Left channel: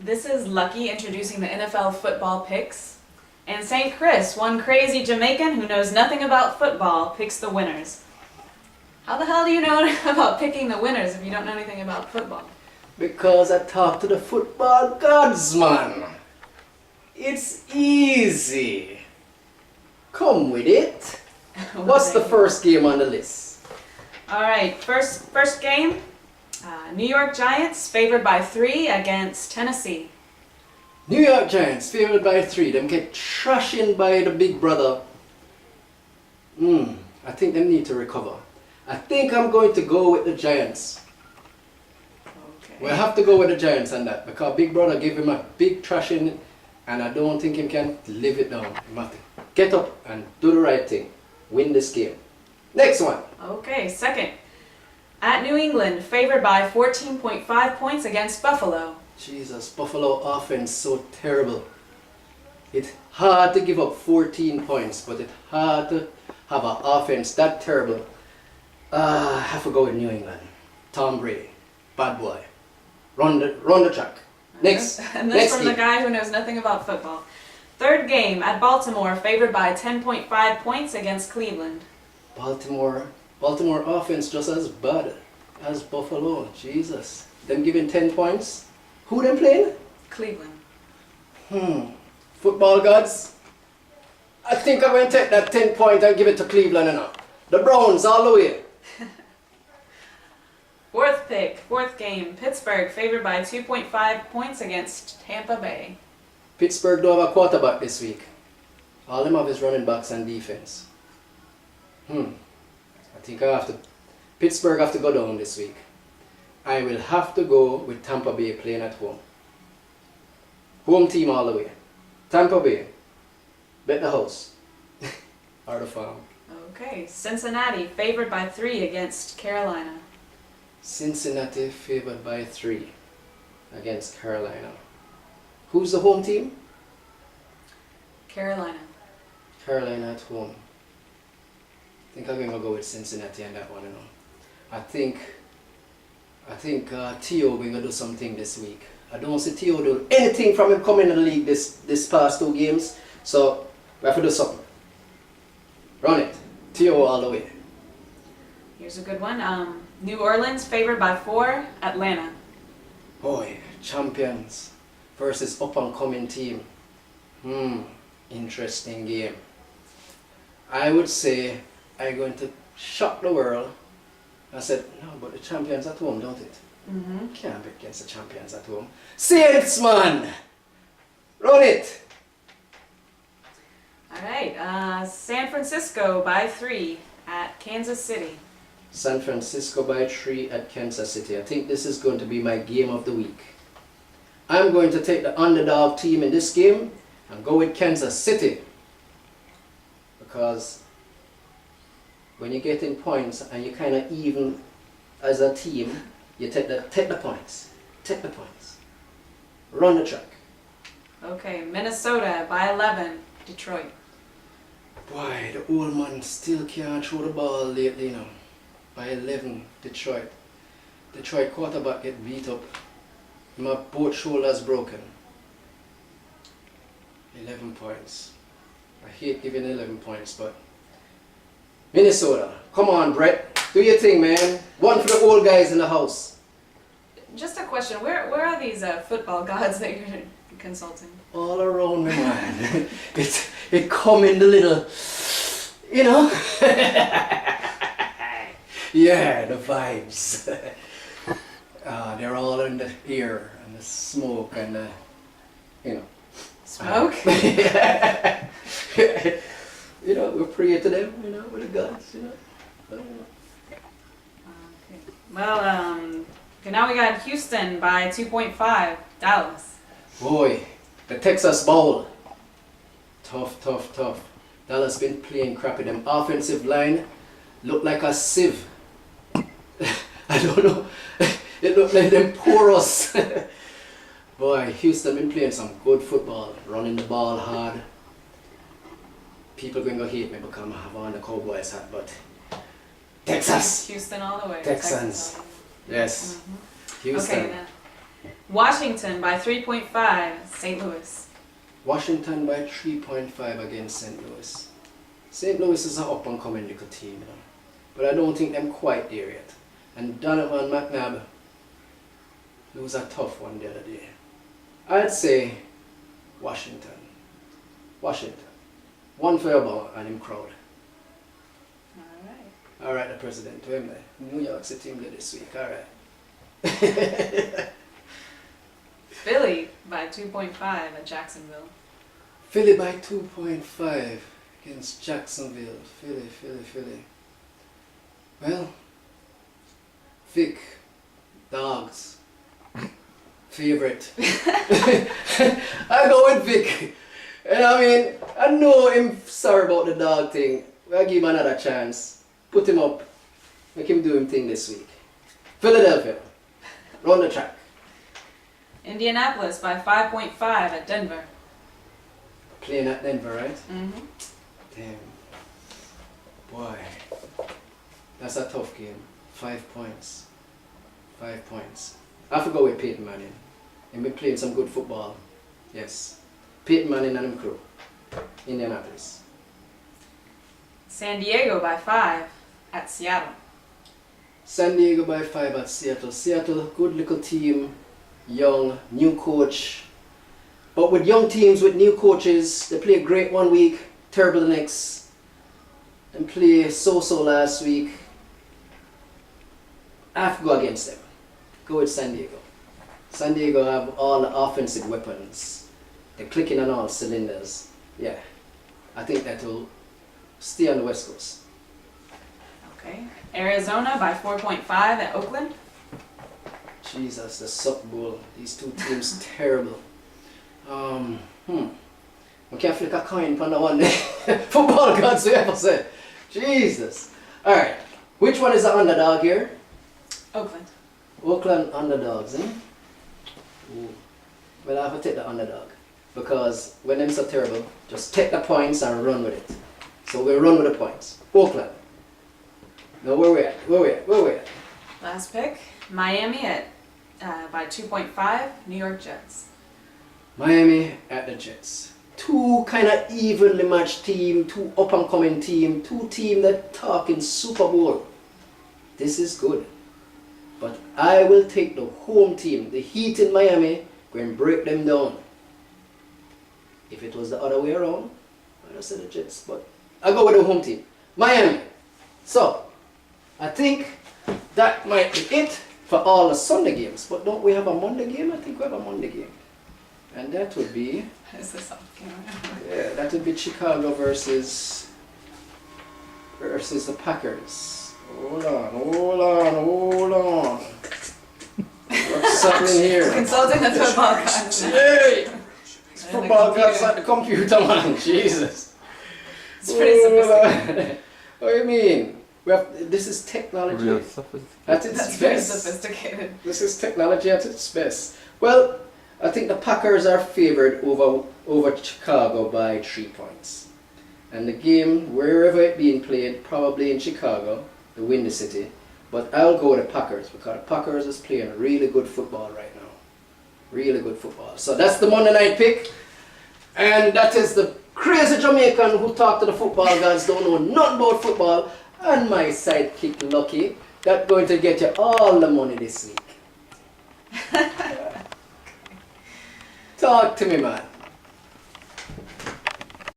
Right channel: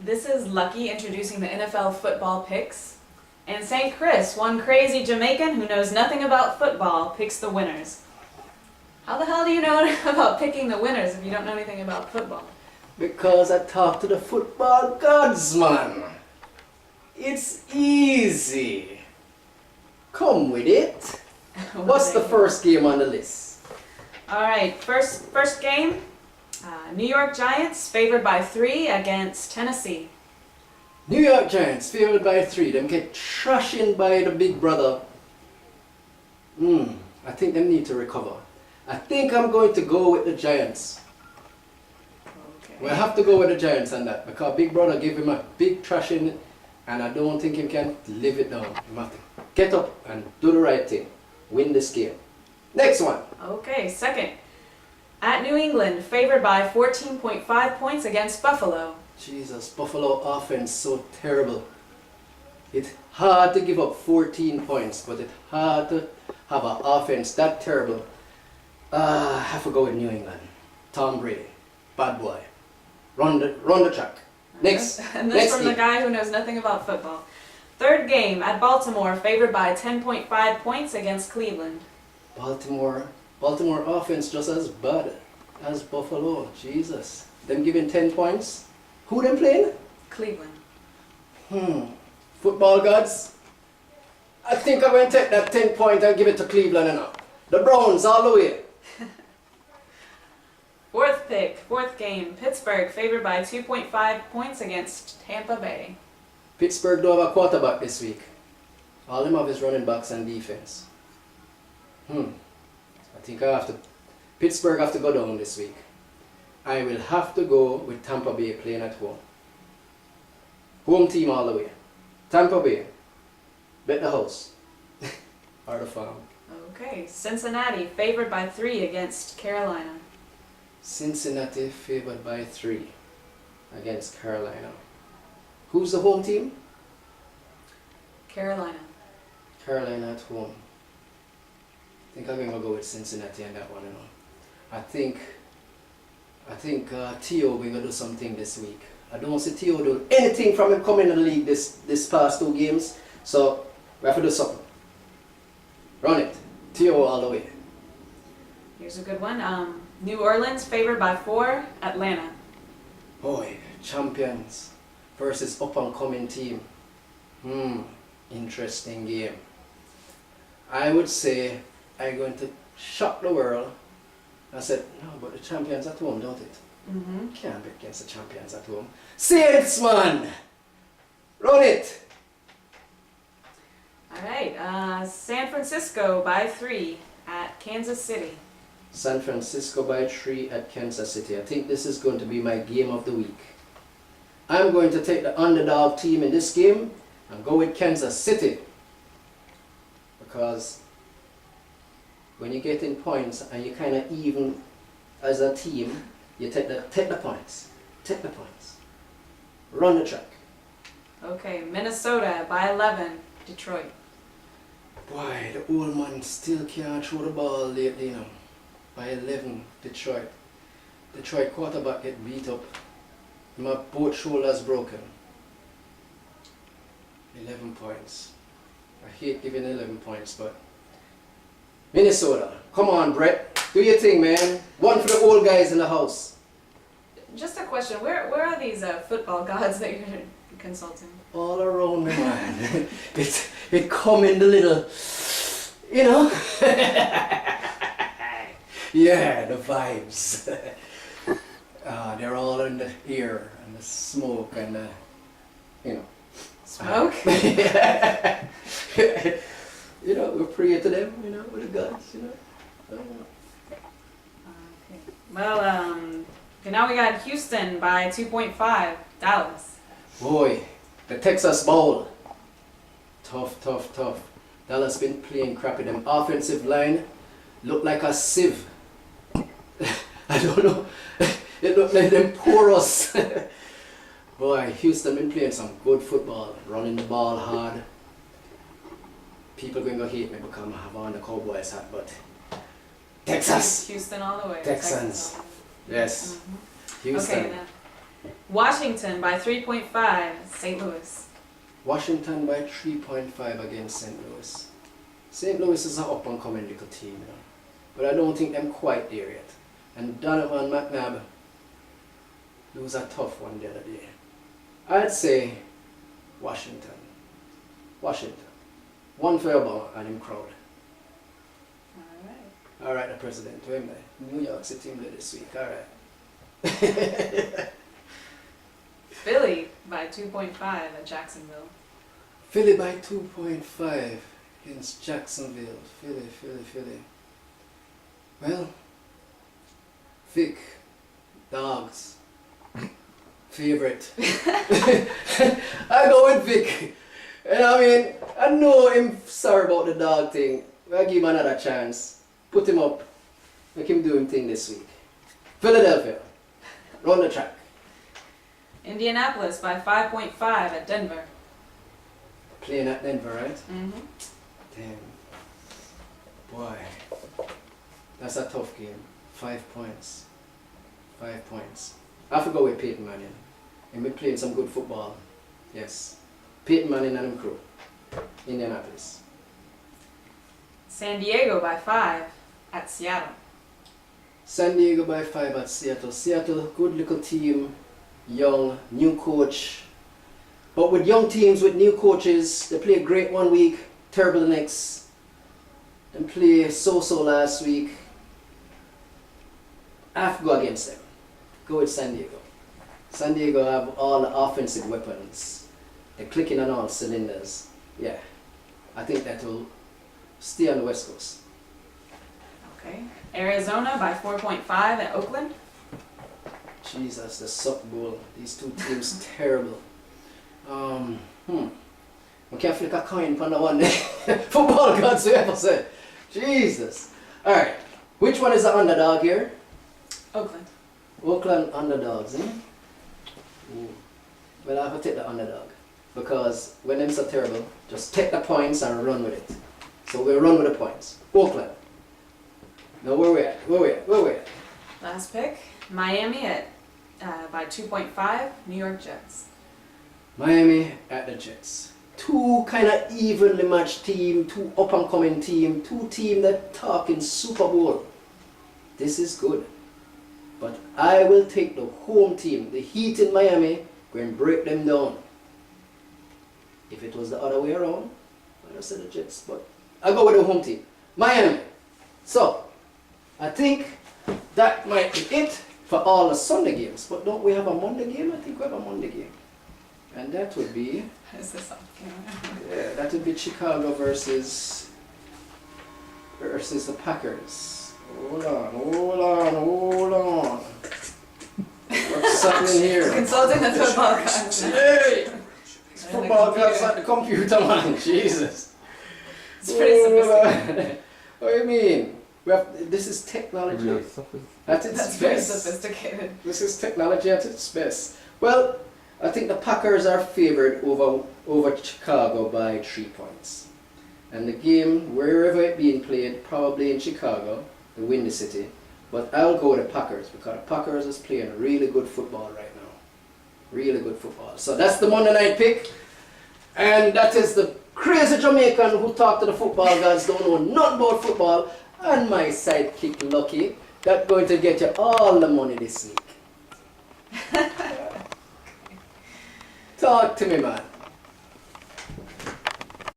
This is Lucky introducing the NFL football picks. And St. Chris, one crazy Jamaican who knows nothing about football, picks the winners. How the hell do you know about picking the winners if you don't know anything about football? Because I talk to the football gods, man. It's easy. Come with it. What's the first game on the list? Alright, first game. New York Giants favored by 3 against Tennessee. New York Giants favored by 3. Them get trashing by the big brother. I think they need to recover. I think I'm going to go with the Giants. Okay. We'll have to go with the Giants on that because big brother gave him a big trashing and I don't think he can live it down. He have to get up and do the right thing. Win this game. Next one. Okay, second. At New England, favored by 14.5 points against Buffalo. Jesus, Buffalo offense so terrible. It's hard to give up 14 points, but it's hard to have an offense that terrible. I have to go with New England. Tom Brady, bad boy. Run the track. Next. And next this from game. the guy who knows nothing about football. Third game at Baltimore, favored by 10.5 points against Cleveland. Baltimore offense just as bad as Buffalo. Jesus. Them giving 10 points. Who them playing? Cleveland. Football gods. I think I'm going to take that 10 point and give it to Cleveland enough. The Browns all the way. Fourth game, Pittsburgh favored by 2.5 points against Tampa Bay. Pittsburgh don't have a quarterback this week. All them have is running backs and defense. I think Pittsburgh have to go down this week. I will have to go with Tampa Bay playing at home. Home team all the way. Tampa Bay. Bet the house. Or the farm. Okay, Cincinnati favored by 3 against Carolina. Cincinnati favored by 3 against Carolina. Who's the home team? Carolina. Carolina at home. I think I'm going to go with Cincinnati on that one, you know. I think Theo going to do something this week. I don't see Theo do anything from him coming in the league this past 2 games. So we have to do something. Run it. Theo all the way. Here's a good one. New Orleans favored by 4, Atlanta. Boy, champions versus up and coming team. Interesting game. I would say I'm going to shock the world. I said, no, but the champions at home, don't it? Can't bet against the champions at home. Saints, man! Run it! Alright, San Francisco by 3 at Kansas City. San Francisco by 3 at Kansas City. I think this is going to be my game of the week. I'm going to take the underdog team in this game and go with Kansas City. Because when you get in points and you kind of even as a team, you take the points. Take the points. Run the track. Okay, Minnesota by 11, Detroit. Boy, the old man still can't throw the ball lately, you know. By 11, Detroit. Detroit quarterback get beat up. My both shoulders broken. 11 points. I hate giving 11 points, but Minnesota. Come on, Brett. Do your thing, man. One for the old guys in the house. Just a question, where are these football gods that you're consulting? All around me, man. it come in the little, you know. Yeah, the vibes. They're all in the air and the smoke and the, you know. Smoke? You know, we pray to them, you know, with the gods, you know. Okay. Well, okay, now we got Houston by 2.5, Dallas. Boy, the Texas Bowl. Tough. Dallas been playing crappy. Them offensive line look like a sieve. I don't know. It looked like them porous. Boy, Houston been playing some good football, running the ball hard. People going to hate me because I have on the Cowboys hat, but Texas. Houston all the way. Texans. Yes. Houston. Okay, Washington by 3.5, St. Louis. Washington by 3.5 against St. Louis. St. Louis is an up-and-coming little team, you know. But I don't think them quite there yet. And Donovan McNabb, it was a tough one the other day. I'd say Washington. Washington. One for Obama and him crowd. Alright. Alright, the president. To him there. New York City him there this week. Alright. Philly by 2.5 at Jacksonville. Philly by 2.5 against Jacksonville. Philly. Well, Vic, dogs, favorite. I go with Vic. And I mean, I know him sorry about the dog thing. I'll give him another chance. Put him up. Make him do him thing this week. Philadelphia. Run the track. Indianapolis by 5.5 at Denver. Playing at Denver, right? Mm-hmm. Damn. Boy. That's a tough game. 5 points. 5 points. I have to go with Peyton Manning. And be playing some good football. Yes. Peyton Manning and him crew. Indianapolis. San Diego by 5 at Seattle. San Diego by 5 at Seattle. Seattle, good little team. Young, new coach. But with young teams, with new coaches, they play great one week, terrible the next. Then play so-so last week. I have to go against them. Go with San Diego. San Diego have all the offensive weapons. They're clicking on all cylinders. Yeah, I think that will stay on the West Coast. Okay. Arizona by 4.5 at Oakland. Jesus, the Suck Bowl. These two teams terrible. We can't flick a coin on the one there. Football gods, we ever said. Jesus. Alright, which one is the underdog here? Oakland. Oakland underdogs, eh? Ooh. Well, I have to take the underdog. Because when them so terrible, just take the points and run with it. So we'll run with the points. Oakland. Now where we at? Last pick. Miami at by 2.5, New York Jets. Miami at the Jets. Two kind of evenly matched team, two up and coming team, two team that talking Super Bowl. This is good. But I will take the home team, the Heat in Miami, go and break them down. If it was the other way around, I'd have said the Jets, but I'll go with the home team. Miami. So, I think that might be it for all the Sunday games. But don't we have a Monday game? I think we have a Monday game. And that would be... Is this off camera? Yeah, that would be Chicago versus the Packers. Hold on. What's happening here? Consulting the football gods. Hey! Football gods at the computer, man. Jesus. It's pretty sophisticated. What do you mean? This is technology. Real sophisticated. That's very sophisticated. This is technology at its best. Well, I think the Packers are favored over Chicago by 3 points. And the game, wherever it being played, probably in Chicago, the Windy City. But I'll go with the Packers because the Packers is playing really good football right now. Really good football. So that's the Monday night pick. And that is the crazy Jamaican who talked to the football gods, don't know nothing about football. And my sidekick Lucky, that's going to get you all the money this week. Talk to me, man.